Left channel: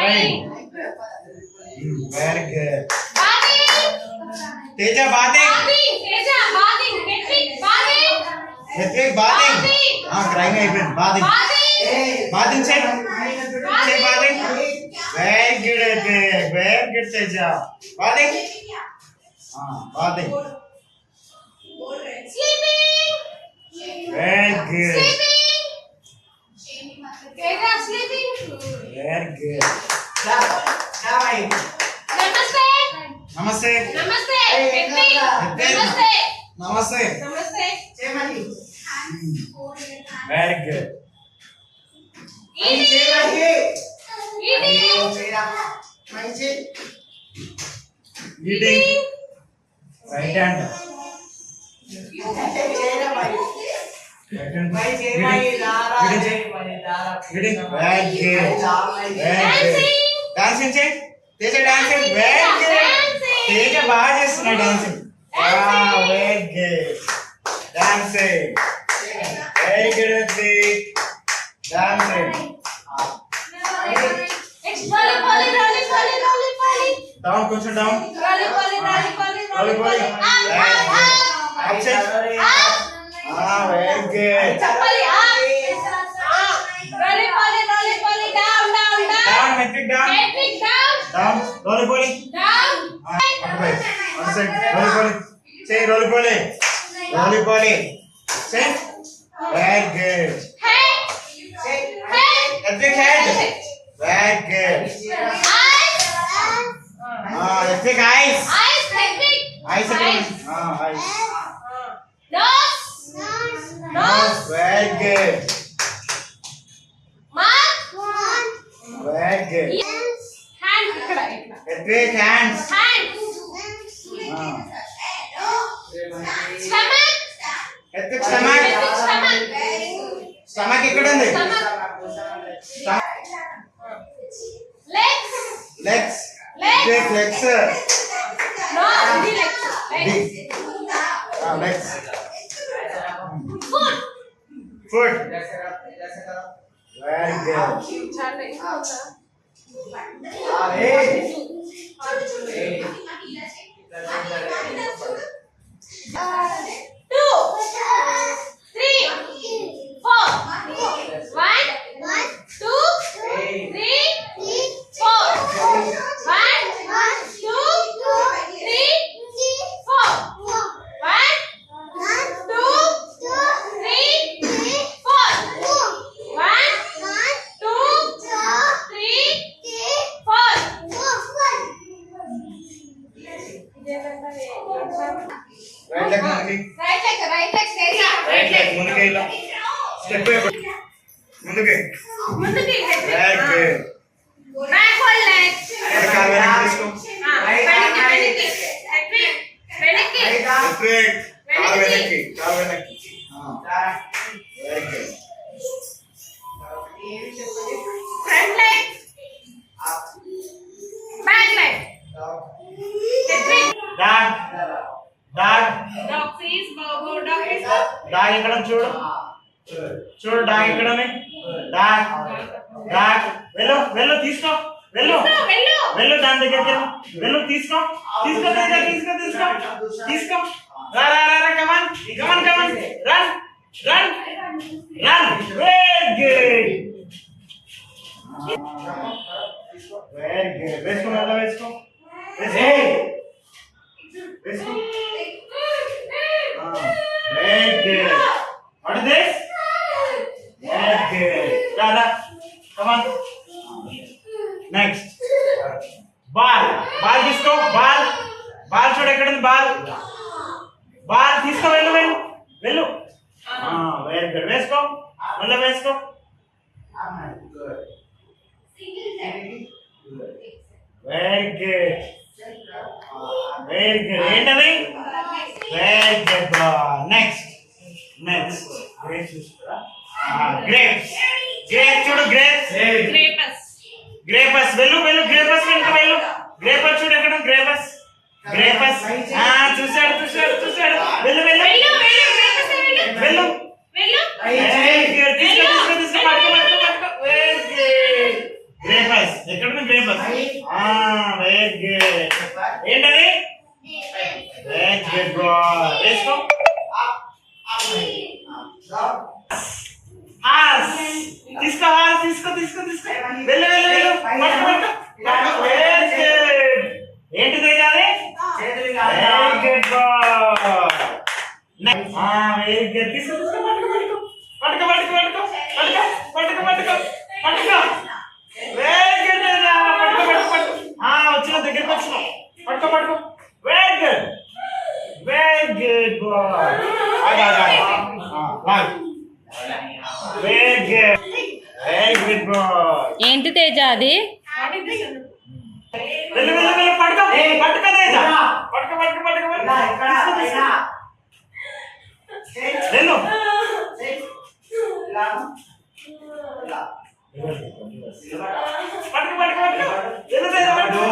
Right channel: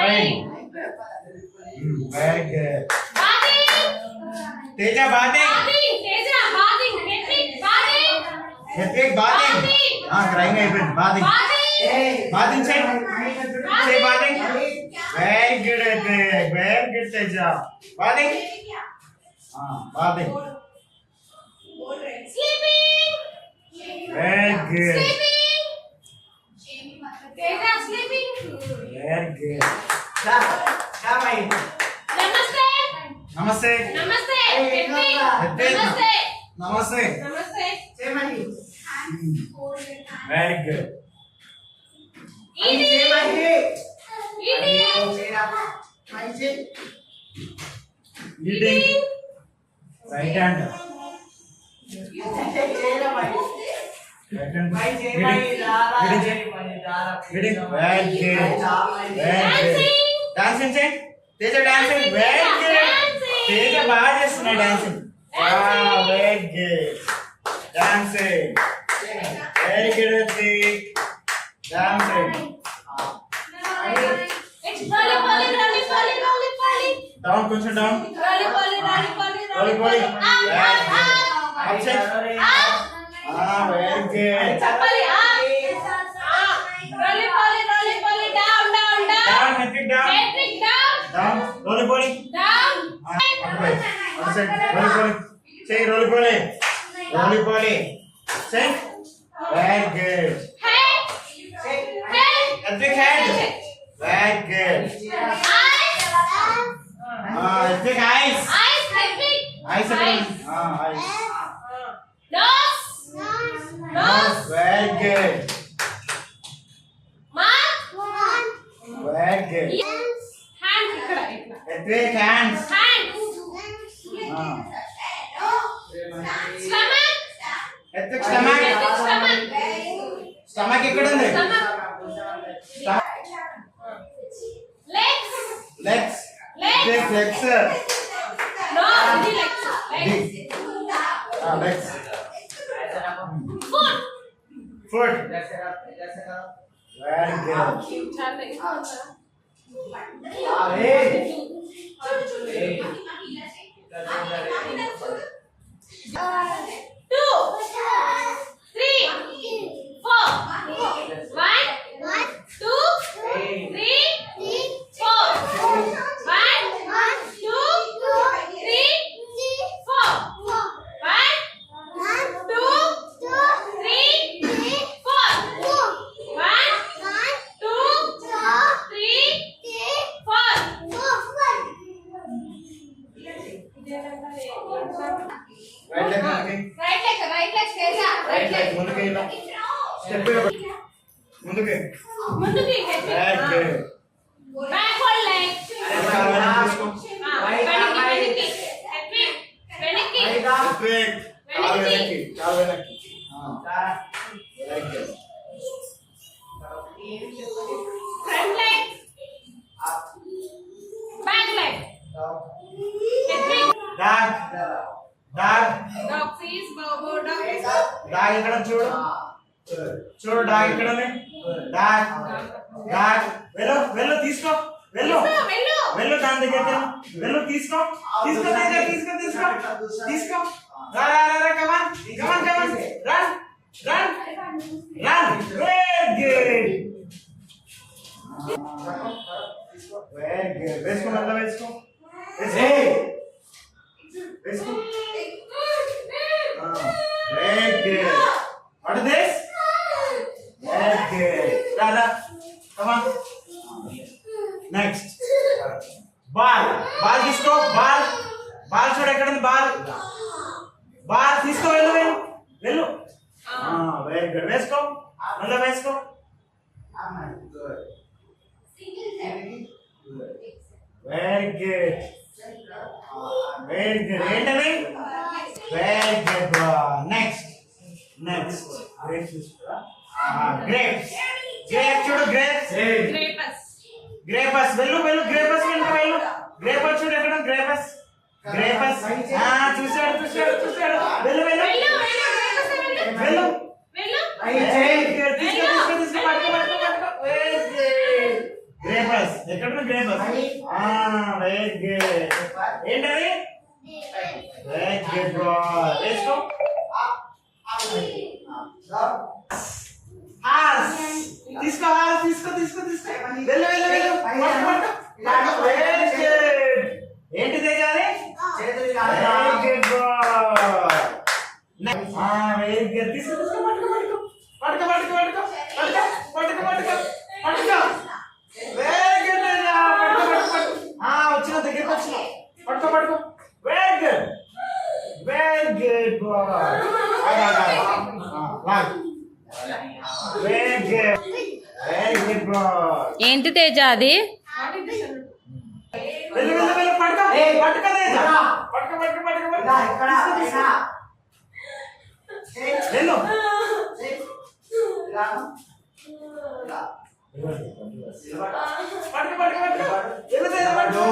Rain. Very good. Teja bathing. Hrithik bathing. Crying అయిపోయింది. Bathing. Bathing say. Say bathing. Very good Hrithik. Very good Teja. Bathing. Bathing. Sleeping. Very good. Sleeping. Teja sleeping. Very good. Namaste. Namaste. Namaste. Namaste. Namaste. Namaste. Namaste. Very good. Eating. Eating. Right hand. Eating. Very good. Very good. Dancing check. Teja dancing. Very good. Teja బాగా చేస్తున్నా dancing. Very good. Dancing. Very good Hrithik. Dancing. Down కొంచెం down. Rolly rolly. Upset. Very good. Down Hrithik down. Down. Rolly rolly. One side. Rolly rolly. Say rolly rolly. Rolly rolly. Say. Very good. Hrithik head. Very good. Hrithik eyes. Eyes again. Eyes. Nose. Very good. Very good. Hrithik hands. Hrithik stomach. Stomach ఎక్కడ ఉంది? Legs. Hrithik legs. Legs. Foot. Very good. Right leg ముందుకి. Right leg ముందుకి ఇలా. Step ముందుకి. Very good. Backward leg. కాలు వెనక్కి తీసుకో. Hrithik. కాలు వెనక్కి. Very good. Front leg. Back leg. Dog. Dog. Dog face. Bow dog face. Dog ఇక్కడ చూడు. చూడు dog ఇక్కడ ఉంది. Dog. Dog. వెళ్ళు తీసుకో. వెళ్ళు దాని దగ్గరికి వెళ్ళు తీసుకో. రా కమాన్ రన్ వెరీ గుడ్ వేసుకో మళ్ళీ వేసుకో very good what is this very good రాదా కమాన్ నెక్స్ట్ బాల్ తీసుకో బాల్ చూడు ఎక్కడ ఉంది బాల్ తీసుకో వెళ్ళు వెరీ గుడ్ వేసుకో మళ్ళీ వేసుకో వెరీ గుడ్ ఏంటది వెరీ గుడ్ నెక్స్ట్ గ్రేప్స్ చూడు గ్రేపస్ వెళ్ళు గ్రేపస్ చూడు ఎక్కడ గ్రేపస్ చూసాడు వెళ్ళు వెళ్ళు వెరీ గుడ్. ఏంటది? Very good boy. వేసుకో. హార్స్ తీసుకో. హార్స్ తీసుకో. వెళ్ళు. Very good. ఏంటి తేజ అది? Very good boy. Very good. తీసుకో. పట్టుకో. Very good Teja. పట్టుకో. వచ్చిన దగ్గరికి వచ్చిన. పట్టుకో. Very good boy. Very good boy. ఏంటి తేజ అది? What is this? వెళ్ళు. పట్టుకో తేజ. పట్టుకో. వెళ్ళు. పట్టుకో. వెళ్ళు తేజ. పట్టుకో.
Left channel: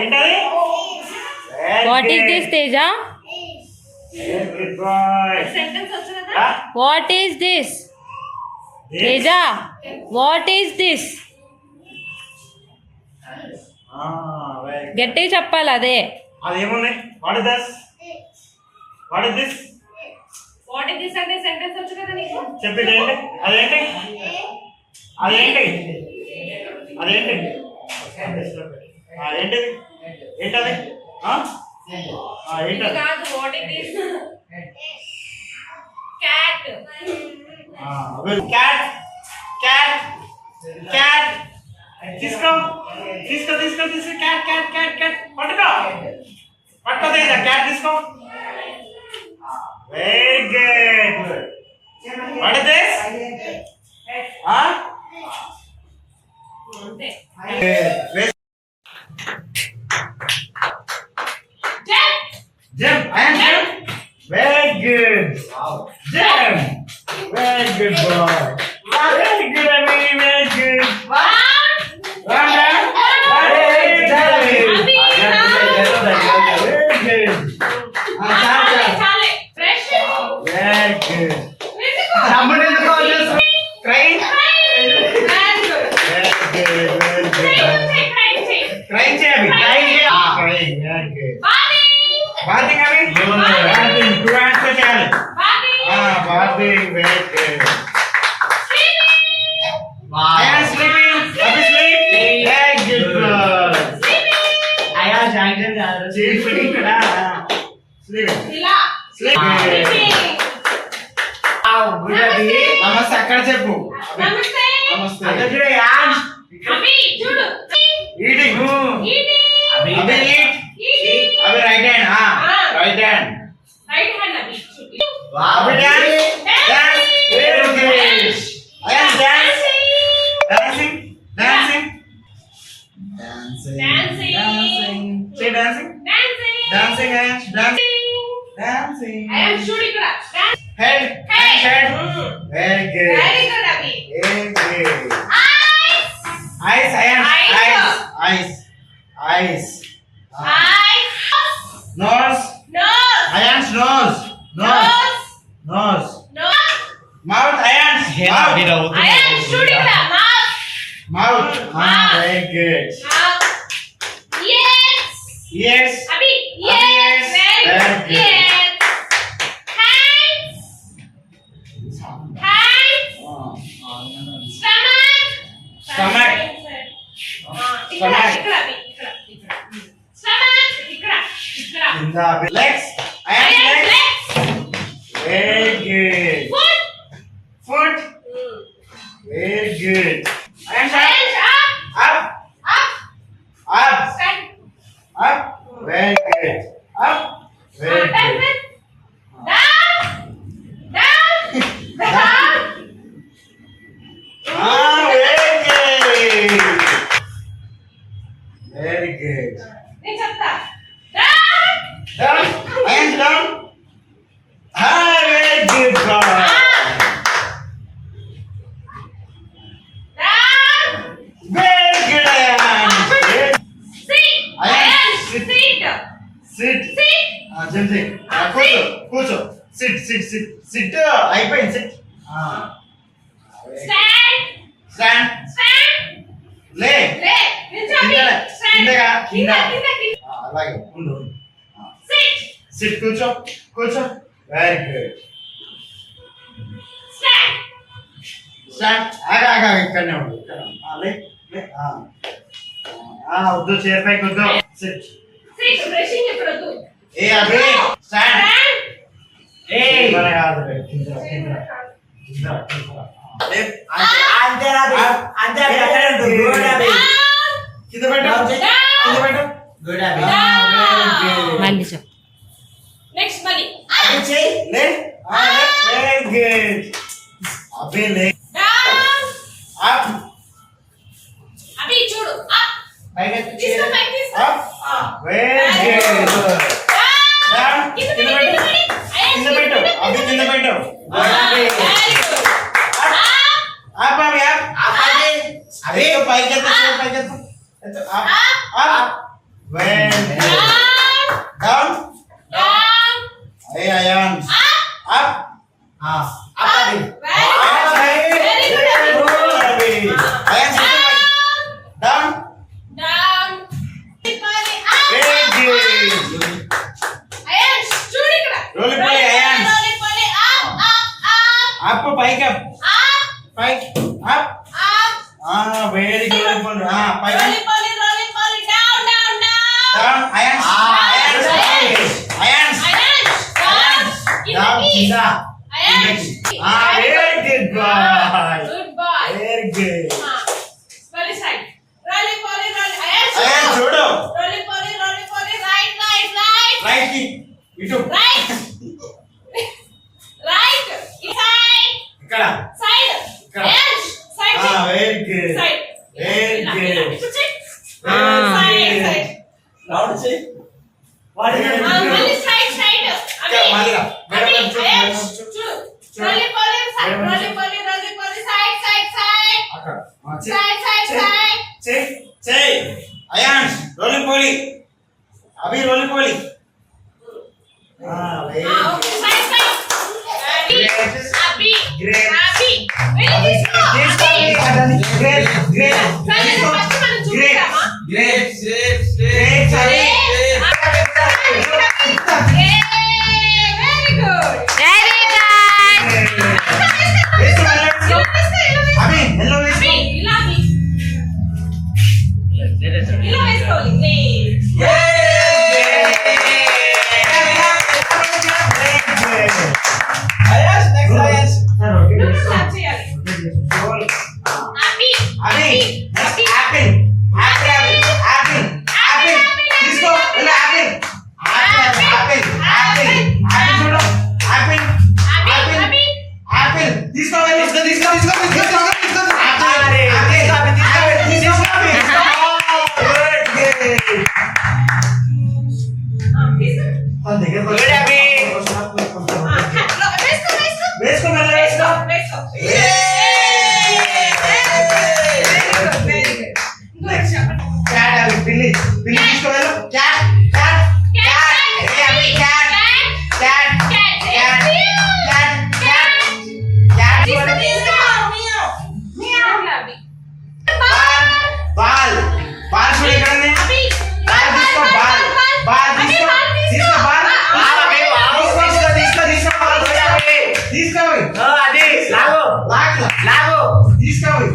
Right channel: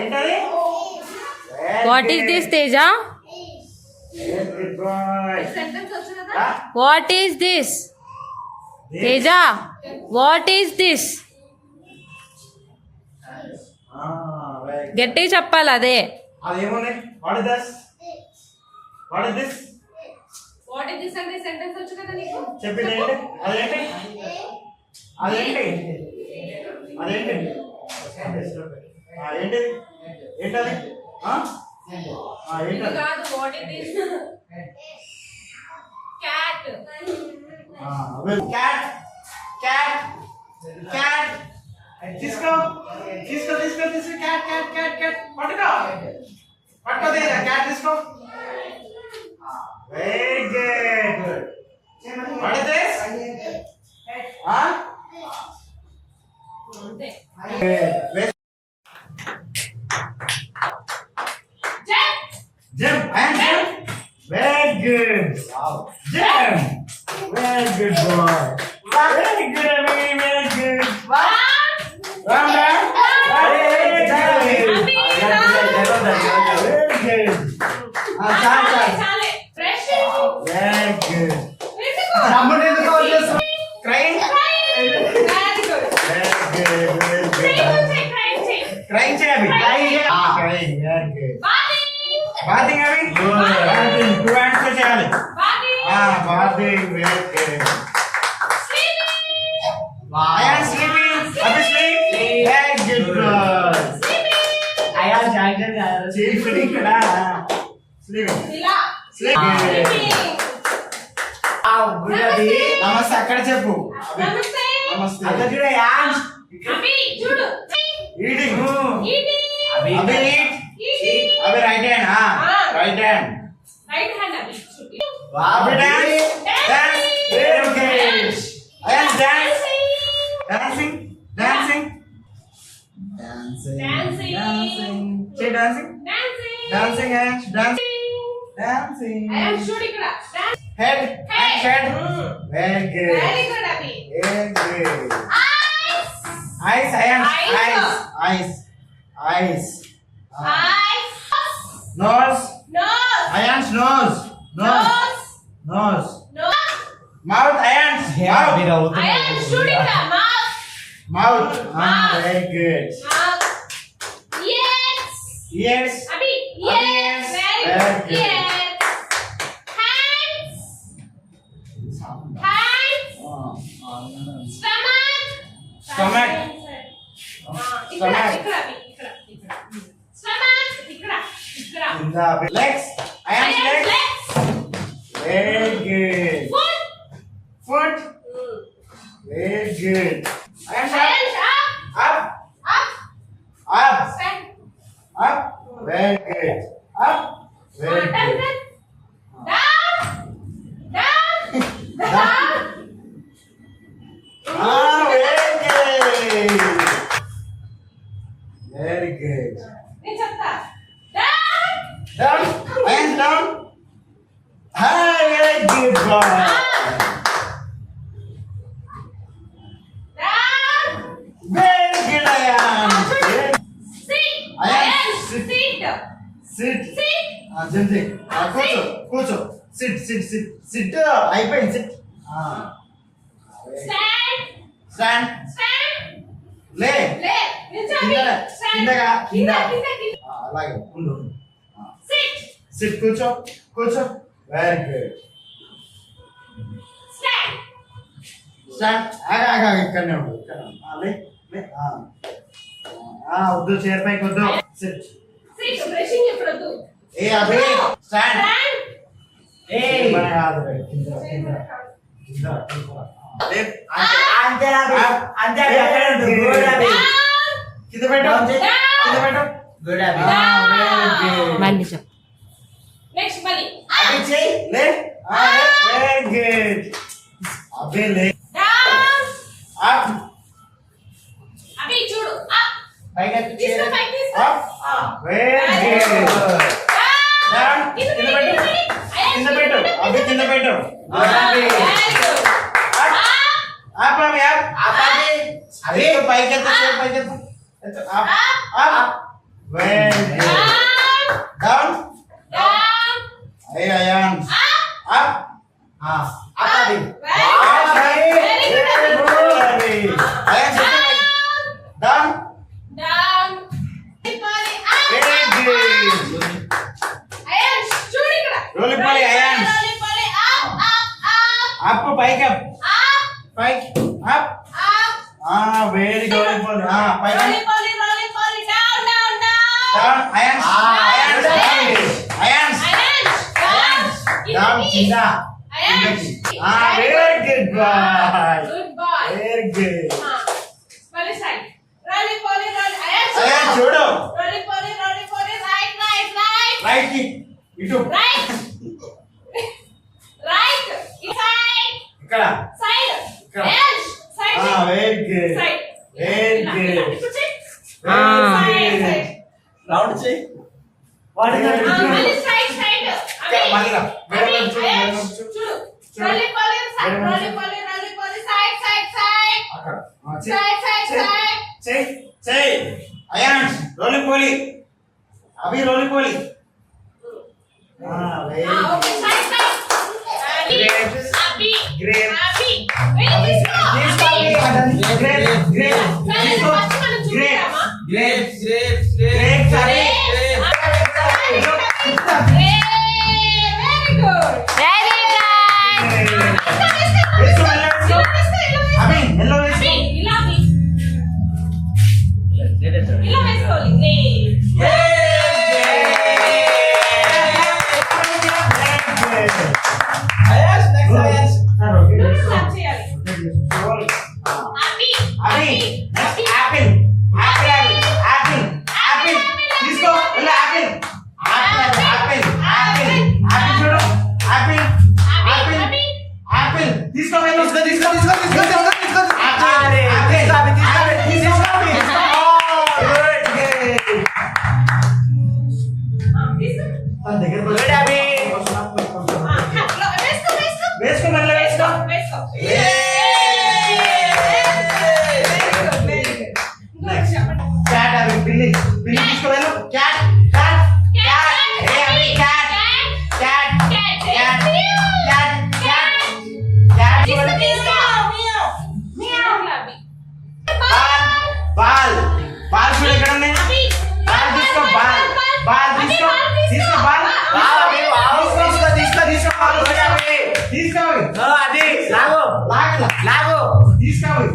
ఏంటది? What is this Teja? Good boy. Sentence వచ్చు కదా? What is this Teja? What is this? గట్టిగా చెప్పాలి అదే. అదేమున్నాయి? What is this? What is this అంటే sentence వచ్చు కదా నీకు? చెప్పండి. అదేంటి? ఏంటది? ఇది కాదు. What is this? Cat. Cat. తీసుకో. క్యాట్. పట్టుకో తేజ. క్యాట్ తీసుకో. Very good. What is this? అంతే. Jump. I am jump. Very good. Jump. Very good boy. Very good, Abhi. Very good. Run down. Very good. Very good. చాలే. Fresh. Very good. Crying. Very good. Crying చేయాలి. Crying. Very good. Bathing Abhi. Bathing. 2 hands తో చేయాలి. Bathing. Very good. I am sleeping. Abhi sleep. Very good boy. Sleeping kada. Sleeping. నమస్తే అక్కడ చెప్పు. నమస్తే. Eating. Abhi eat. Abhi right hand. Right hand. Abhi dance. Very good. I am dance. Dancing. Say dancing. Dancing. I am shooting ఇక్కడ. Head. Very good. Very good, Abhi. Very good. Eyes. Eyes. Nose. Iron's nose. Mouth. Iron's mouth. I am shooting the mouth. Very good. Yes. Abhi, Abhi, yes. yes. Very Very good. good. Yes. Hands. Stomach. Stomach. ఇక్కడ. Stomach. ఇక్కడ. In the legs. Iron's legs. Legs. Very good. Foot. Foot. Very good. Iron's Hands up. Up. Stand. Very good. Up. Very Turn. good. Down. Very good. నేను చెప్తా. Down. Down. Hands down. Very good boy. Down. Very good, Ayan. Sit. Ayan, Ayan, sit. sit. Sit. Sit. కూర్చో. సిట్ అయిపోయింది SIT stand stand stand లే లే నిల్చోండి కిందగా, స్టాండ్ కిందగా, కింద కింద. కింద అలాగే ఉండు సిట్ సిట్ కూర్చో కూర్చో వెరీ గుడ్ స్టాండ్ స్టాండ్ ఆగా ఇక్కడనే ఉండు ఇక్కడ లే లే వద్దు చైర్ పైకి వద్దు సిట్ సిట్ బ్రషింగ్ ఇప్పుడు వద్దు ఏ అభి స్టాండ్ స్టాండ్ ఏ మన కాదు కింద కింద కింద అంతే అంతే కింద పెట్టు కింద పెట్టు గుడ్ మళ్ళీ చెప్పు. నెక్స్ట్ మళ్ళీ అభి చెయ్ లే వెరీ గుడ్ అభి లే డౌన్ అప్ అభి చూడు అప్ పైకి తీసుకో పైకి తీసుకో అప్ వెరీ గుడ్ డౌన్ కింద కింద పెట్టు పెట్టు కింద పెట్టు అభి కింద పెట్టు అప్ అభి అప్ అభి అభి పైకి ఎత్తు పైకి ఎత్తు up up very good down ఏ Ayaan up up Abhi Ayaan down very good roly poly Ayaan up పైకి అప్ పైకి అప్ వెరీ గుడ్ రోలిపాలి పైకి డౌన్ అయాన్ అయాన్ డౌన్ కింద very good boy very good Ayaan చూడు రైట్ కి ఇటు ఇక్కడ ఇక్కడ very good very good round చేయి వాడి Ayaan roly poly Abhi roly poly very good. Abhi మెల్ల వేసుకో ఇలా వేసుకోవాలి వేసుకో మళ్ళీ వేసుకో క్యాట్ అవి పిల్లి పిల్లి తీసుకోవాలి క్యాట్ క్యాట్ క్యాట్ ఏ అవి cat cat cat cat cat cat ball ball చూడు ఇక్కడ ఉంది బాల్ తీసుకో బాల్ బాల్ తీసుకో తీసుకో బాల్ తీసుకో తీసుకో బాల్ తీసుకోవాలి అది లాగు లాగు లాగు తీసుకోవాలి